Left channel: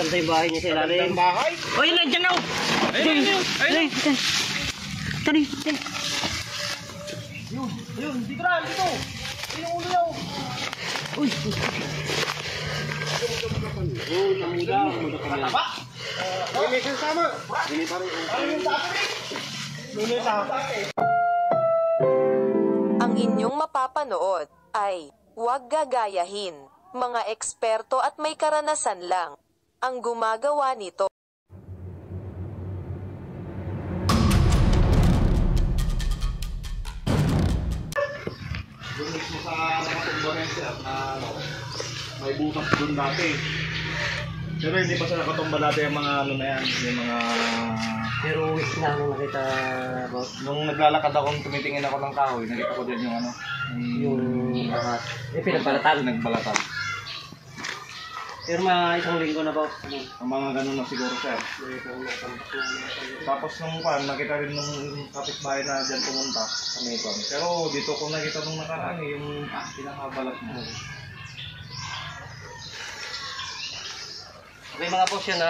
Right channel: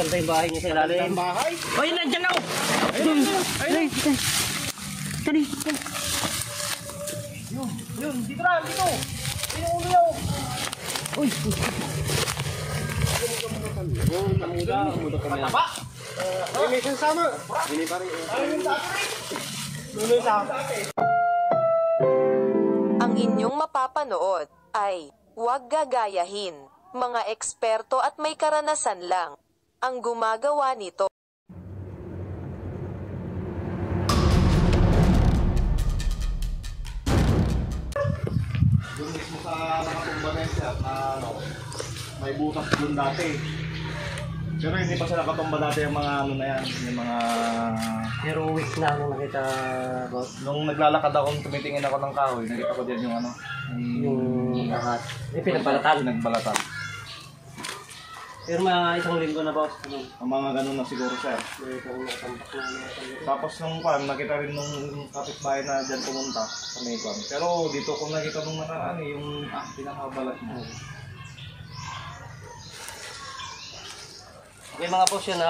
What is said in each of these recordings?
maganda yung bahay niya sa ilalim. Bahay? Uy, nandiyan ako! Ayun! Tali! Yun! Dito na! Dito! Ayun ang ulo yun! Uy! Mataba! May sama! Hindi pa rin. Ang inyong mapapanood ay huwag gagayahin. Mga eksperto at may karanasan lang ang gumagawa nito. Doon mismo sa nakatumba na siya na may butas doon dati. Pero hindi pa siya nakatumba dati yung mga ano na yan, yung mga... Pero weeks na ako nakita, boss. Nung naglalakad ako, tumitingin ako ng kahoy, nakita ko din yung ano, Yung lahat. Pinagbalatan. Nagbalatan. Pero mga isang linggo na, boss. Ang mga ganun na siguro, sir. Tapos nung nakita rin nung kapitbahay na dyan pumunta sa Maypan. Pero dito ko nakita nung nakaraan yung pinakabalat mo. Okay mga boss, yun,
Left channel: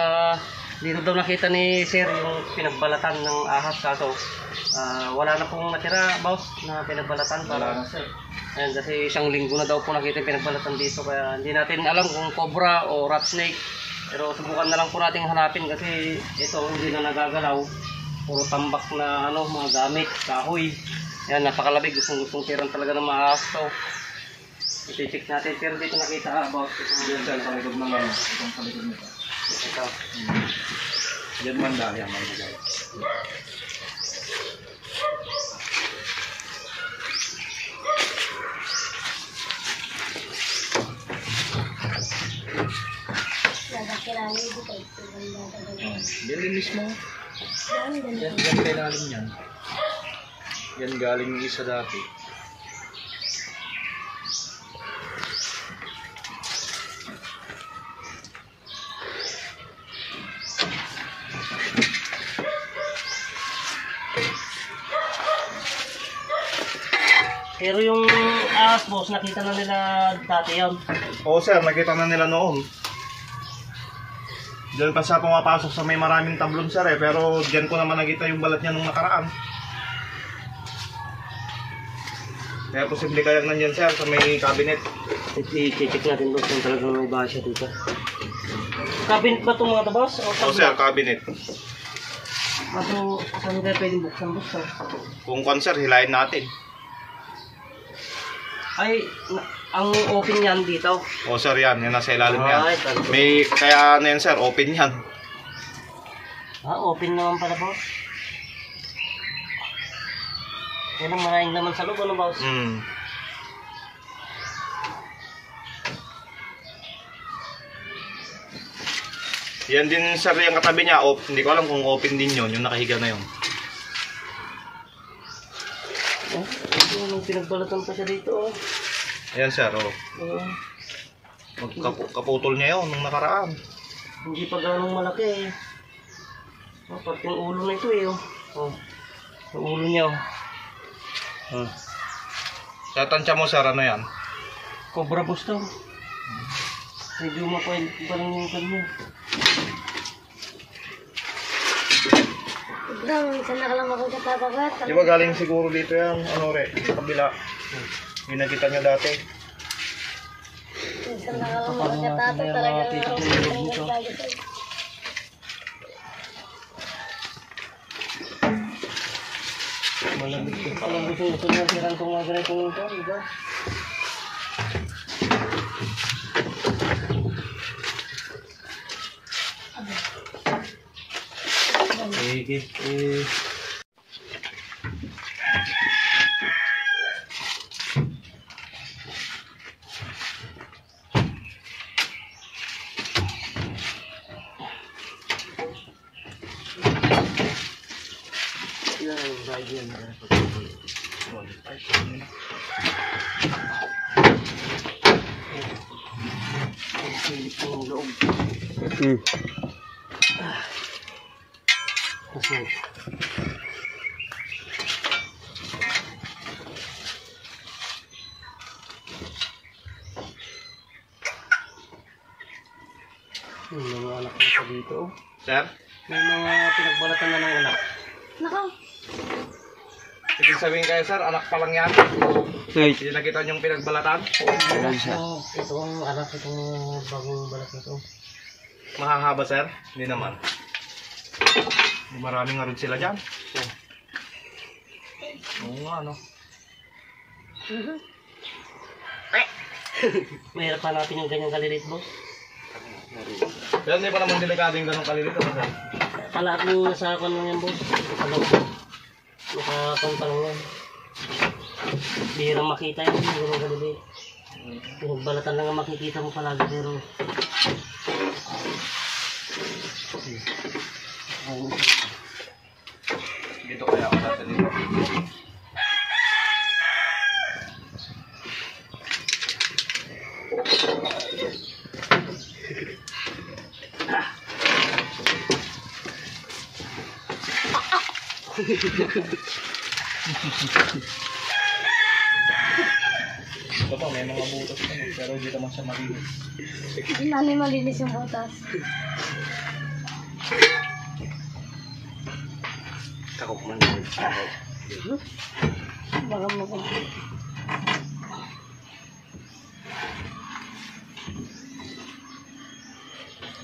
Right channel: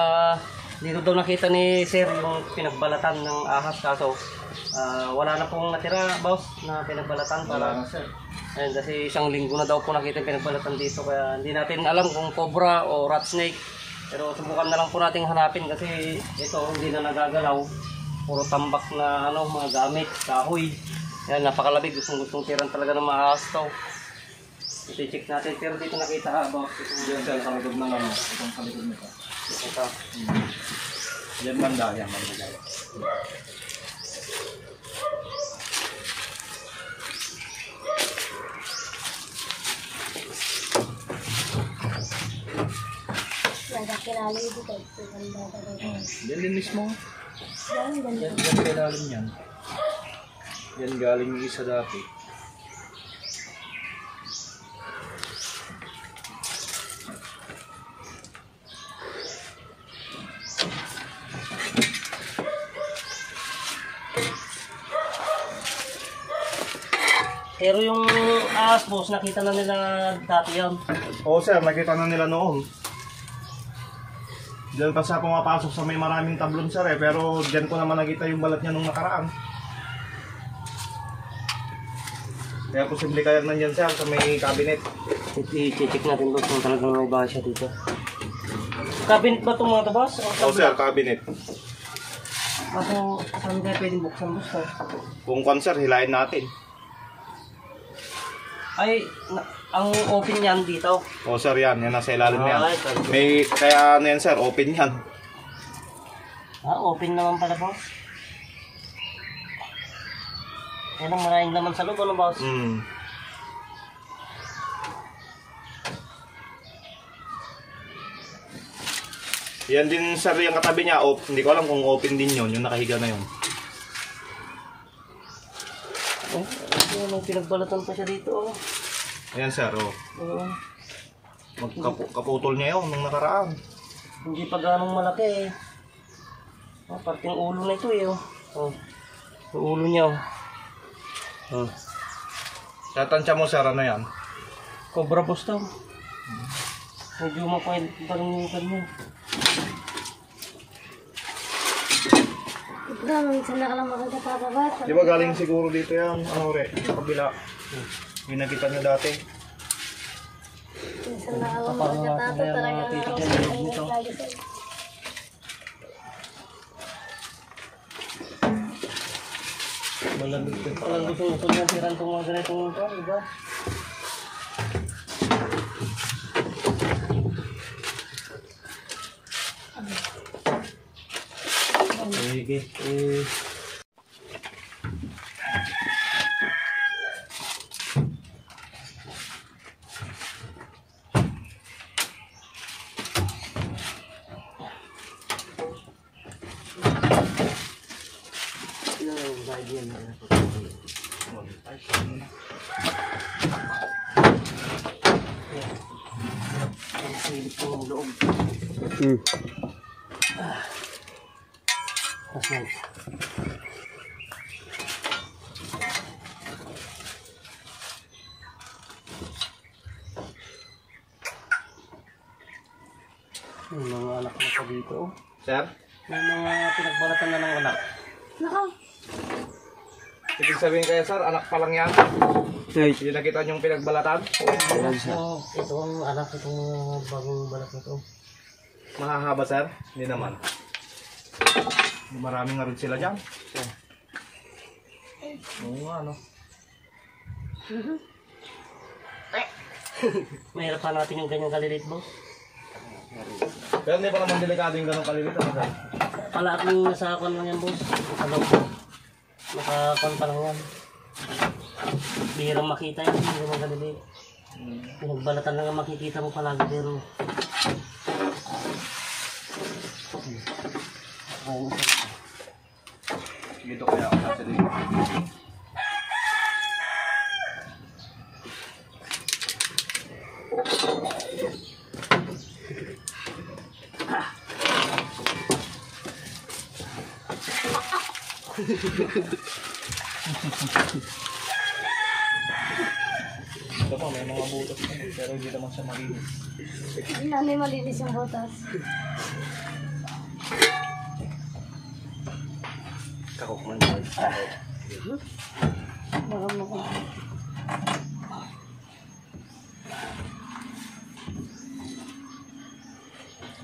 dito daw nakita ni Sir yung pinagbalatan ng ahas, kaso wala na pong natira, boss, na pinagbalatan. Wala na, sir. Ayan, kasi isang linggo na daw po nakita yung pinagbalatan dito, kaya hindi natin alam kung cobra o rat snake. Pero subukan na lang po natin hanapin kasi ito hindi na nagagalaw. Puro tambak na mga gamit, kahoy. Ayan, napakalabig, gustong tiran talaga ng mga ahas to. I-check natin, pero dito nakita about Diyan sir, sa likod ng itong sa likod nito. ito. Yan manda, yan manda. Yan din mismo. Yan kailalim yan. Yan galing yung isa dati. Pero yung ahas, boss, nakita na nila dati yun. Oo sir, nakita na nila noon. Diyan pa siya pumapasok sa may maraming tablon sir pero diyan ko naman nakita yung balat niya nung nakaraan. Kaya posible kaya nandiyan sir sa may cabinet. I-check natin, boss, kung talagang may bahay siya dito. Cabinet ba itong mga ito, boss? Oo sir, cabinet. Kaso, saan kaya pwedeng buksan, boss? Kung concert, hilahin natin. Ay, ang open yan dito. Oo sir, yan nasa ilalim yan. Ay, May, kaya ano yan sir, open yan. Open naman pala, boss. Yan ang maraming naman sa loob, ano, boss? Yan din sir yung katabi niya, hindi ko alam kung open din yun, yung nakahiga na yun. May pinagbalatan pa siya dito. Ayan sir, kaputol niya yun nung nakaraan. Hindi pa ganong malaki eh. Pati yung ulo na ito eh. Yung ulo niya. Sa tansya mo sir, ano yan? Cobra boss daw. Medyo parang yung kanya. Di ba galing siguro dito yan, ano re, kabila. Yung nakita nyo dati. Kapag natin na yung mga titik na nilid nito. Malamig ko. Palang gusto niya tiran kung nga ganitong ito, diba? Sige. Mga anak Nasa dito. Sir? May mga pinagbalatan na ng anak. Naka. Ibig sabihin kayo sir, anak pa lang yan. Hey. Hindi nakita yung pinagbalatan. Ito ang anak, itong bagong balat nito. Mahahaba sir? Hindi naman. Maraming nga rin sila dyan. Oo nga no. Mahirap pa natin yung ganyang kalilit, boss. Pero hindi pa naman delikado yung ganong kalilit ano sir? Palaking nasa ako lang yan, boss. Nakakon pa lang yan. Bihirang makita yan, hindi naman kalilit. Pinagbalatan lang ang makikita mo palagi, pero... Dito kaya ako natin dito. Ito pa, may mga butas pa, pero hindi naman siya malinis. Nanay malinis yung botas. Kakukman. Marunong ko.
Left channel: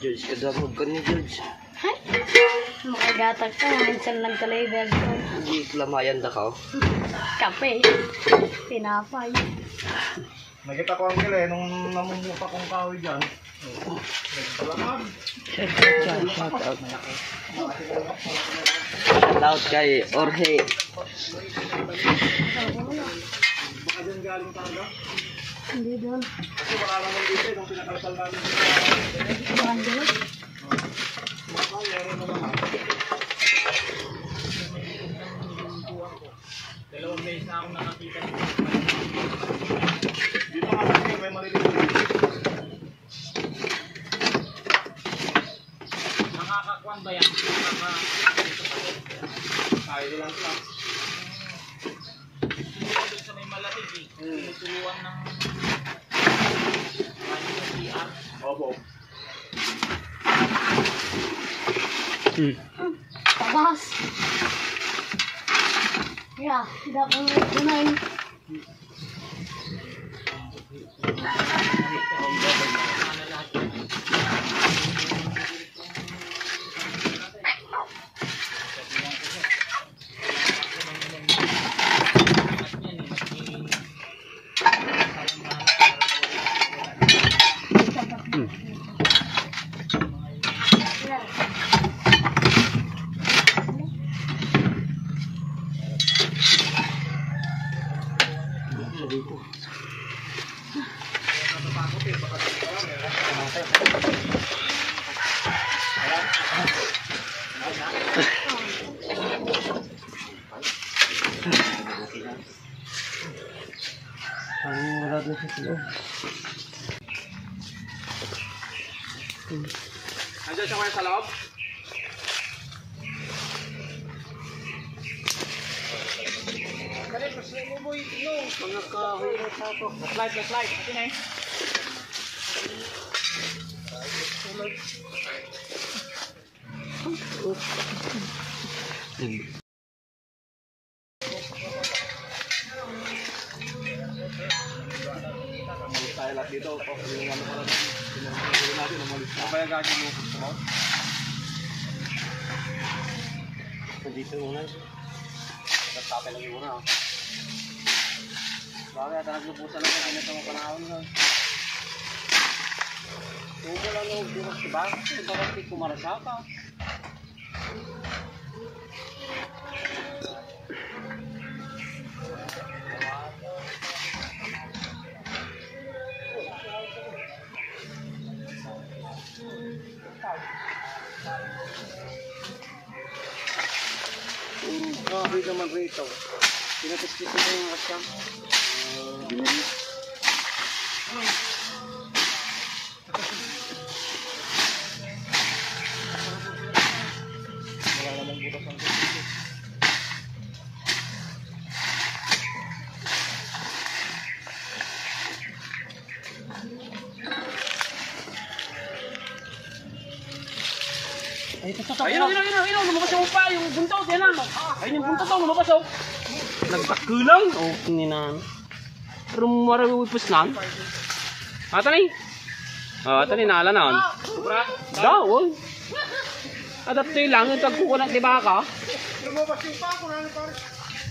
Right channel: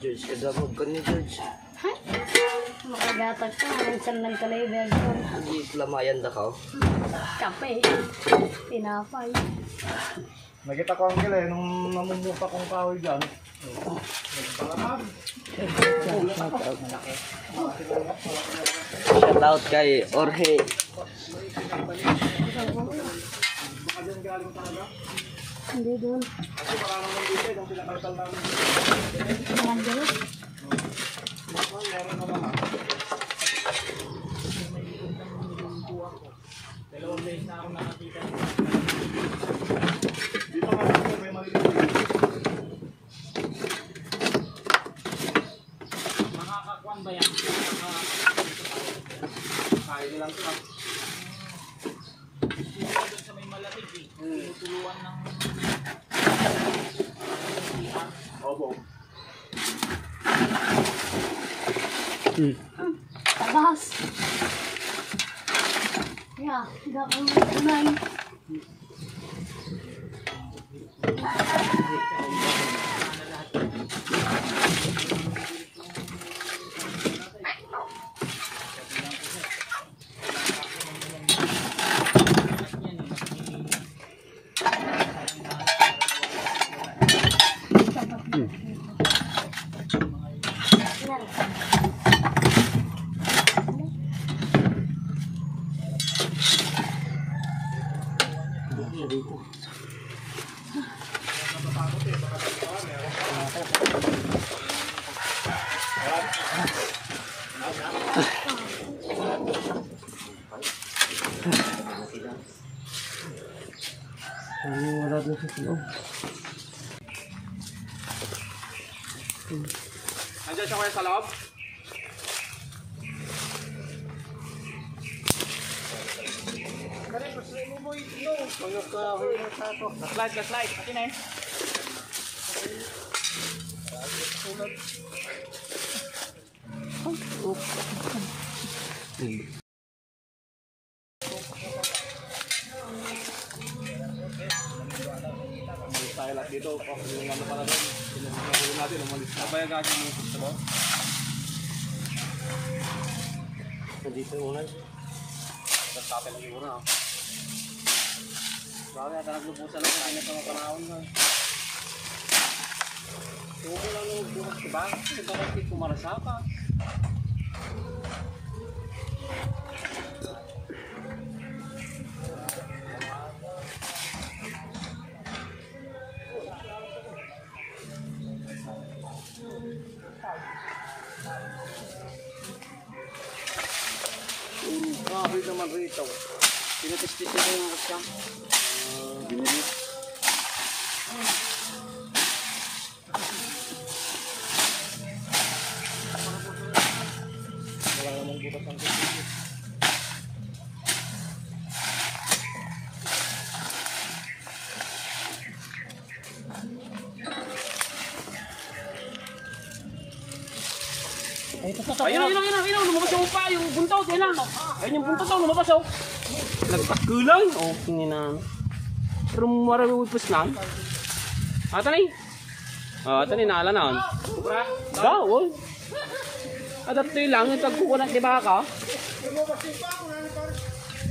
George, kadamog ka ni George. Makagatag ko. Minsan nagka-label ko. Hindi lamayan da ka. Kape. Pinapay. Nakita ko ang kila nung namunyo pa kong kahoy dyan. Shout out kay Orhe. Baka dyan galing talaga. Hindi doon. Kasi baka naman dito nung pinakaltal namin. Saan doon? Meron na lang. Dalawang beses na ako nakakita nito. Dito nga kasi may maliliit. Nakakakuan ba yan? Kaya lang sila. Doon sa may malapit eh. Tinutuluan ng CR. Opo. Tabas. Yeah, tidak ko ngunay. Wala doon sa silo. Nandiyan siya kayo sa loob? Last light. Atin na eh. Tayo lahat dito. Yung ano pala doon. Pinagpapagin natin. Umalis na ba yung gagawin lupos na ba? Dito muna. Nagtapay lang yung muna. Bagay, ata naglubusan ako kung ito mga panahon na. Tubo lang nung bukas, diba? Ito kasi kumarasa ka. Grabe naman rito. Pinatastis ko yung kasyang. Ayun, lumabas yung pa, yung buntot, yan lang. Ayun yung buntot daw, lumabas oh. Nagpakulang. Oh, kininan. Pero marawipos lang. Ata ni? Ata ni, naala na. Daw, oh. Adapto yung lang, yung tagkukulang di baka. Lumabas yung pa, kung ano pare.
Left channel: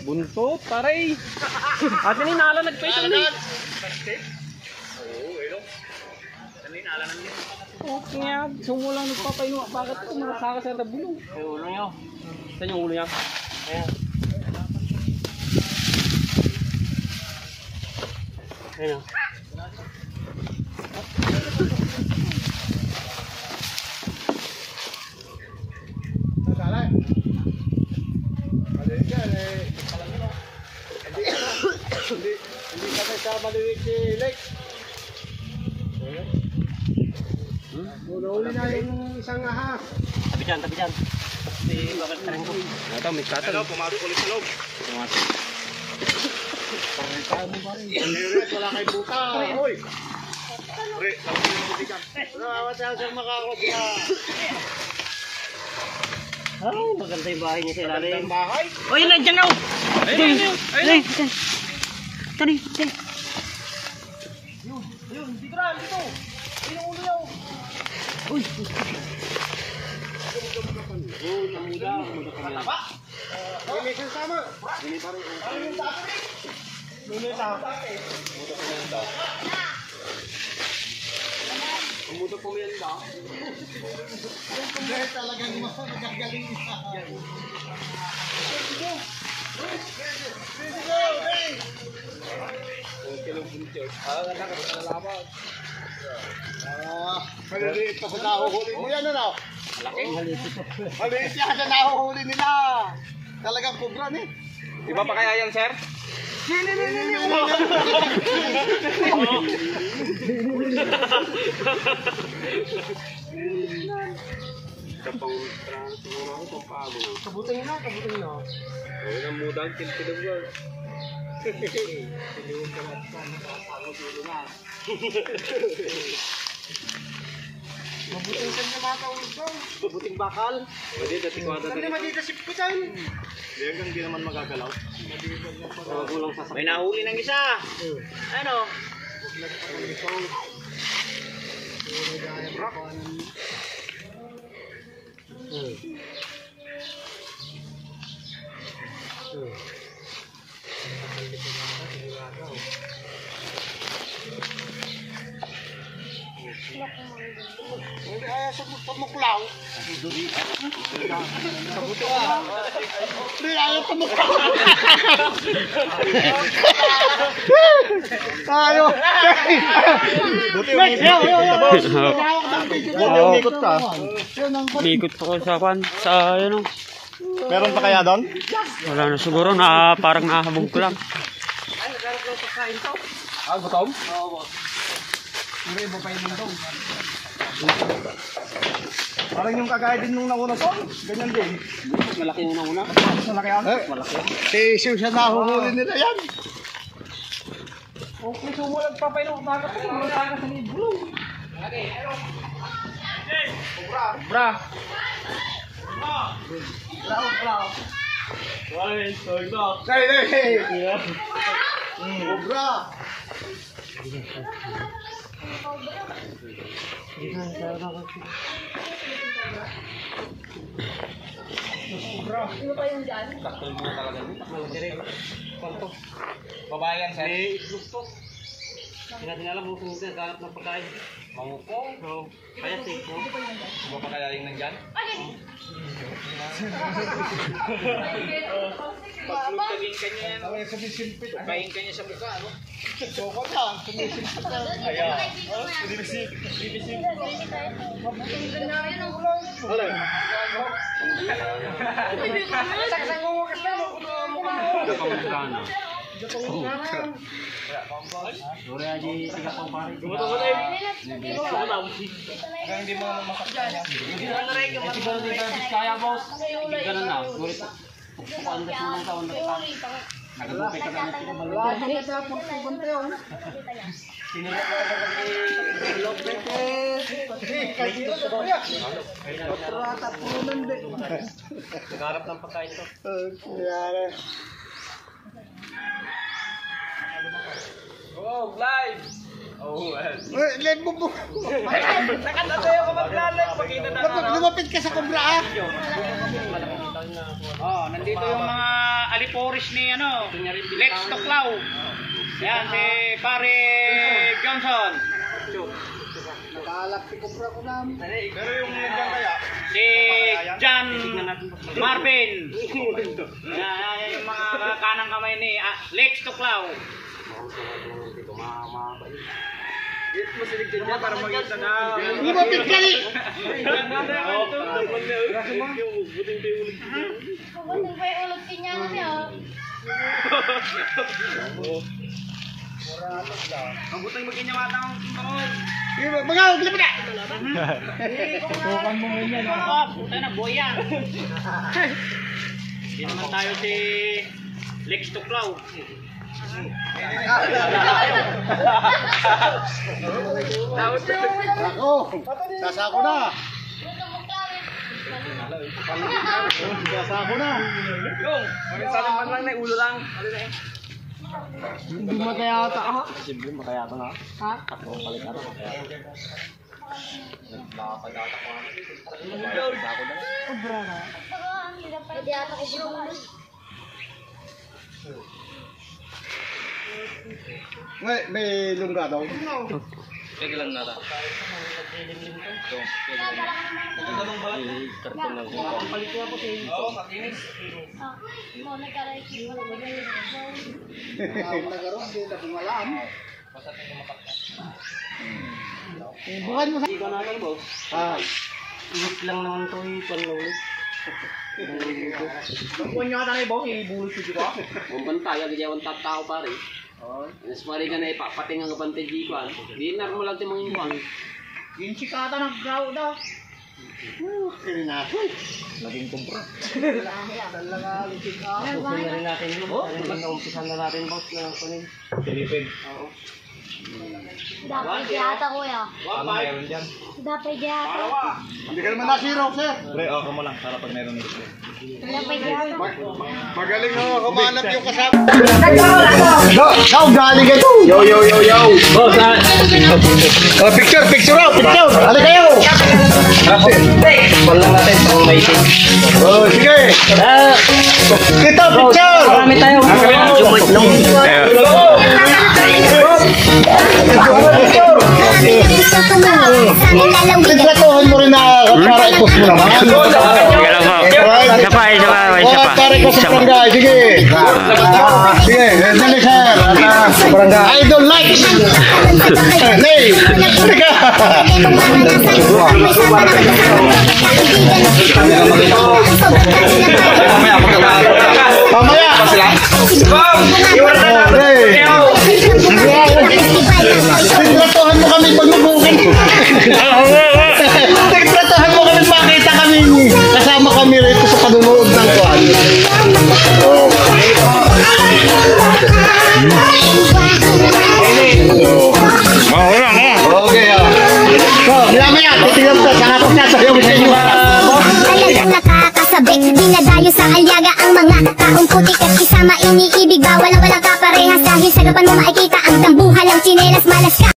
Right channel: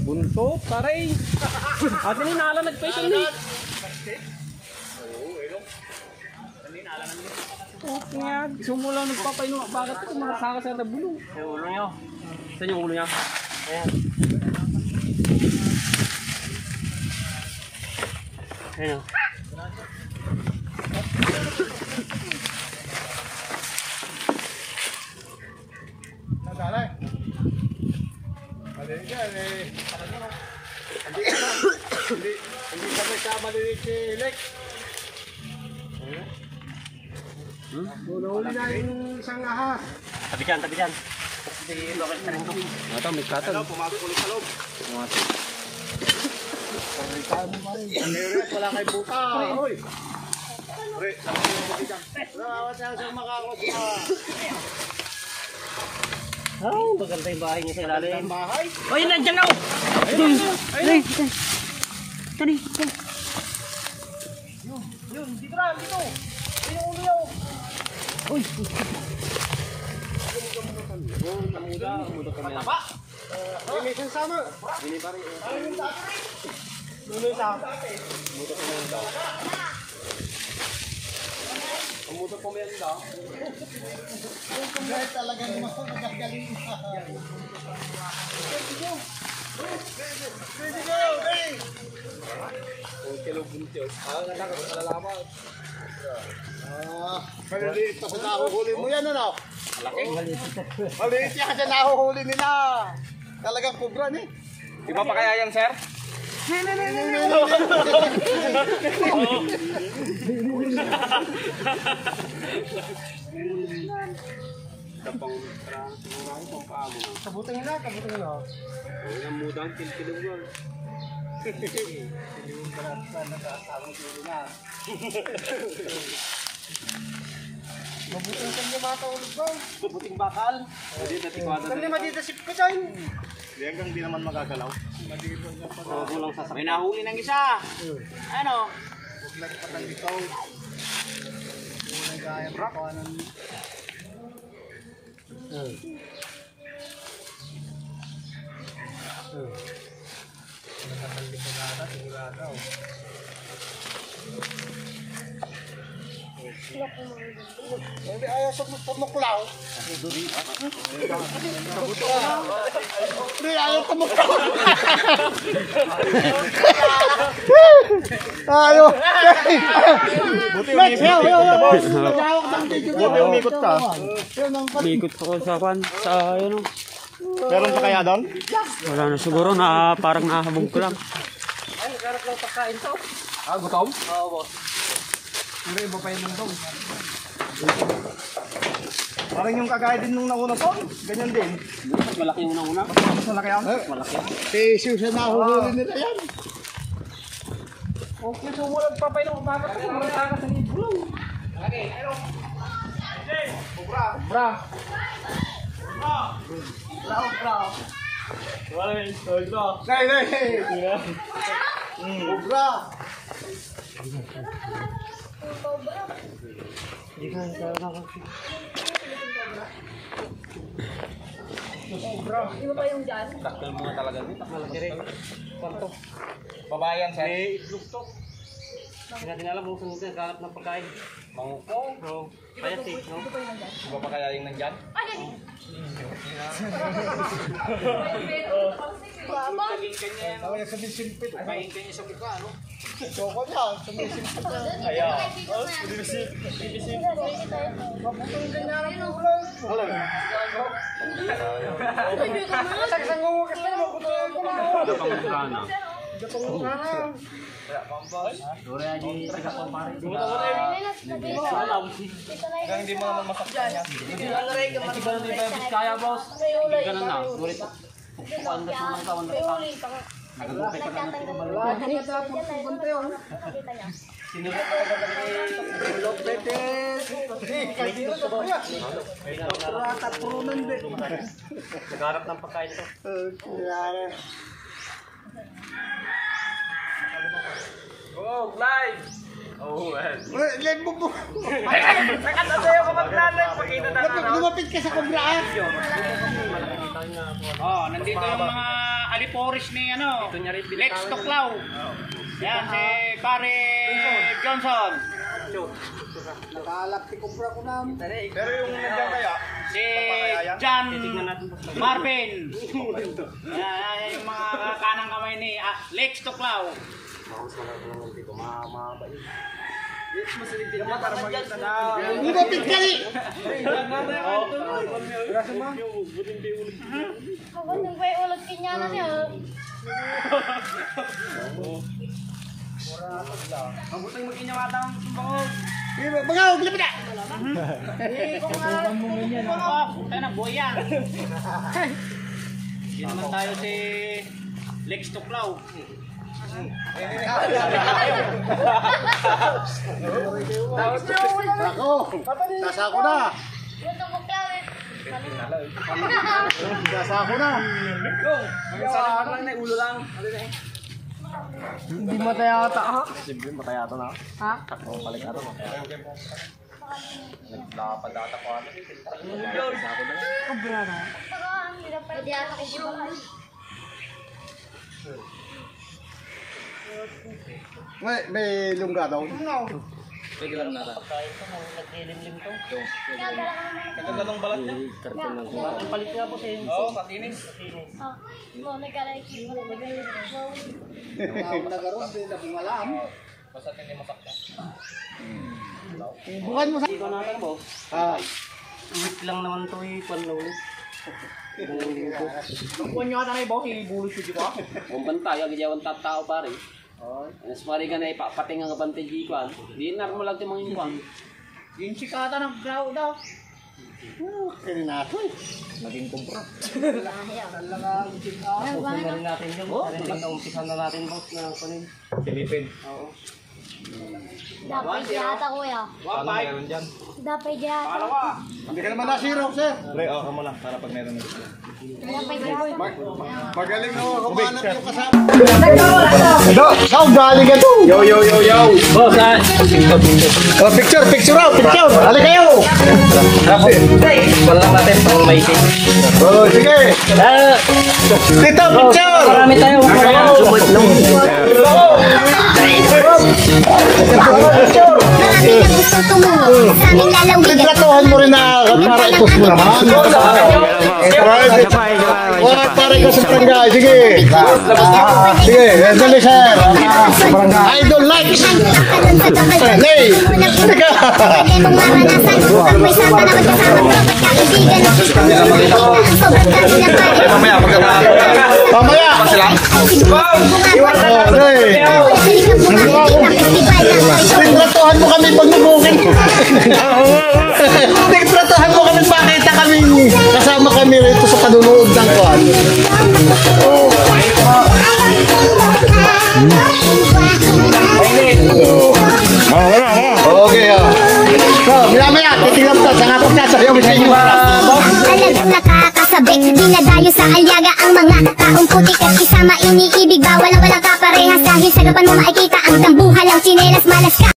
Buntot, pare. Ata ni, naala nagpaisa na ni. Okay nga, gusto mo lang nagpapaino. Bakit ito masaka sa bulong? Yung ulo nyo. Saan yung ulo niya? Ayan. Ayan. Nasalay. Maliit yan eh. Hindi kami sa maliit si Lex. Huli na yung isang ahas. Tabi dyan. Si Bakit ka rin ko. Ito, may shuttle. Ano, pumasok ulit sa loob. Pumasok. Wala kayo buka. Hoy. Pre, tapos yung butikan. Awas yan sa makakot na. Ay, maganda yung bahay niya sa ilalim. Ang bahay. Uy, nandiyan ako! Ayun! Tari! Yun, dito na, dito. Yung ulo yun. Uy! Mataba. May sama. Ini pare. Ano yung dati? Nuno sa. Umuto po yan daw. Guys, talagang magagaling na. Maliliit pa sa nahuhuli mo yan, ano? Maliit yan sa nahuhuli nila. Talagang kubra ni. Iba pa kaya yan, sir? Kabuting na. Ang mudang kilkilog yan. Mabuting kanya makakaulit daw. Buting bakal. Hindi, datikwada Kanya magiging ko tayo. Hindi naman magagalaw. Magulang sasakyan. May nahuli ng isa. Ano? Nagpapalitaw. Nagayang kawanan. Hindi ayaw sa pamaklaw. Hindi ayaw sa pamaklaw. Ayaw. Buti umikot ka. Umikot ako sa kwan, sa ano. Meron pa kaya doon? Wala na siguro, na parang nahabog ko lang. Ay, nagkarap lang pagkain to. Ah, gutom? Oo, boss. Pero iba pa yung dong. Parang yung kagaya din nung nauna po. Ganyan din. Malaki yung una. Mas malaki yan? Malaki. Tisyo siya nahuhuli nila yan. Okay, so walang papay ng umaga to. Maraka sa bulong. Okay, hello. Bra. Hey. Bra. Takal mo talaga dito. Malaki rin. Kwanto? Babae yan, sir. May itlog to. Hindi natin alam kung saan naghanap ng pagkain. Manguko, bro. Kaya safe, no? Iba pa kaya yung nandyan? Talaga sa bisimpit. Pahin ka niya sa mukha, ano? Soko niya. Sumisimpit na. Ayaw. Mabutong ganyan ang ulang. Saksang ngukas na. Mabutong ang ulang. Napamugana. Gatong ulang. Hanggang hindi mo naman masaktan yan. Kaya, boss. Ganun na. Ngulit. Paandas mo ng taon na kita. Nagagupay ka kami sa balong. Nagharap ng pagkain to. Oh, live! Oh, well. Len mo po. Nakatasayo ka mag-live. Pakita na nga. Lumapit ka sa kubra ah. Oh, nandito yung mga aliporis ni ano, Lex Tuklaw. Yan, si Pare Johnson. Kalak si kubra ko na. Pero yung nandiyan kaya, Si John Marvin. Yan, yung mga kanang kamay ni Lex Tuklaw. Lumapit ka ni. Ako nang may ulat kanya na siya. Mabuti mag-inyamata ang timbang. Mga lumapit ka. Oh, puta na, boy yan. Hindi naman tayo si Lex Tuklaw. Sasako na. Sasako na. Hindi matayata ha? Siyempre, matayata na. Ha? Takbo balik araw. Naglapadata ko. May lungga daw. Sige lang nara. Karton na ko. Palit nga po kayo. Oo, matinis. Mo nagkaray wala magay. Nagaroon din na pingalaan. Basta tayo makakita. Bukan mo sa... Ikaw na lang, boss. Ah. Iit lang naman to eh, panlawin. Kuwan nyo ka tayo, Bong. Ibulot ko dito. Kung bantay, agyawan tatao pare. Anas mari ka na ipapating ang bantay di ko. Di na mo lang timang iwan. Yung sikata nag-grow daw. Pininaso. Naging kumpra. Pusin na rin natin yun. Umpisan na natin, boss, na kunin. Philippine. Oo. Dapat yata ko ya. Ano meron dyan? Dapat yata. Hindi ka naman nasiro, sir. Pre, ako mo lang para pag meron nito. Dapat yata. Magaling mo kumanap yung kasama. Daw, galing ito. Yo. Boss, Oh, picture out, picture. Ali kayo. Wala natin pang may itin. Oh, sige. Dito, picture. Marami tayo. Marami na gusto tumulong sa aming lalawigan. Tratuhan mo rin na para ipos mo naman. Sige lang po. Isa pa. Oh, tarik ka sa barangay. Sige. Sige, dali sir. Barangay. Idol like. Hey. Teka. Pwede mong maranasan ang may sama na magkasama ko. Kaibigan at gusto mo makikita ang sobrang dami na pare. Mamaya. Hey. Halika po makikita festival ng Arizona. Tratuhan mo kami pag nag-booking. Tratuhan mo kami makita kami. Kasama kami rito sa panunood ng kuhan. Oh. Okay, so, maya, titignan mo sa kapag nasa iyo. Talagang nakakasabik, dinadayo sa alyaga ang mga taong putik at isama iniibig ba walang kaparehas dahil sa gapan mo makikita ang tambuhalang tsinelas malas ka.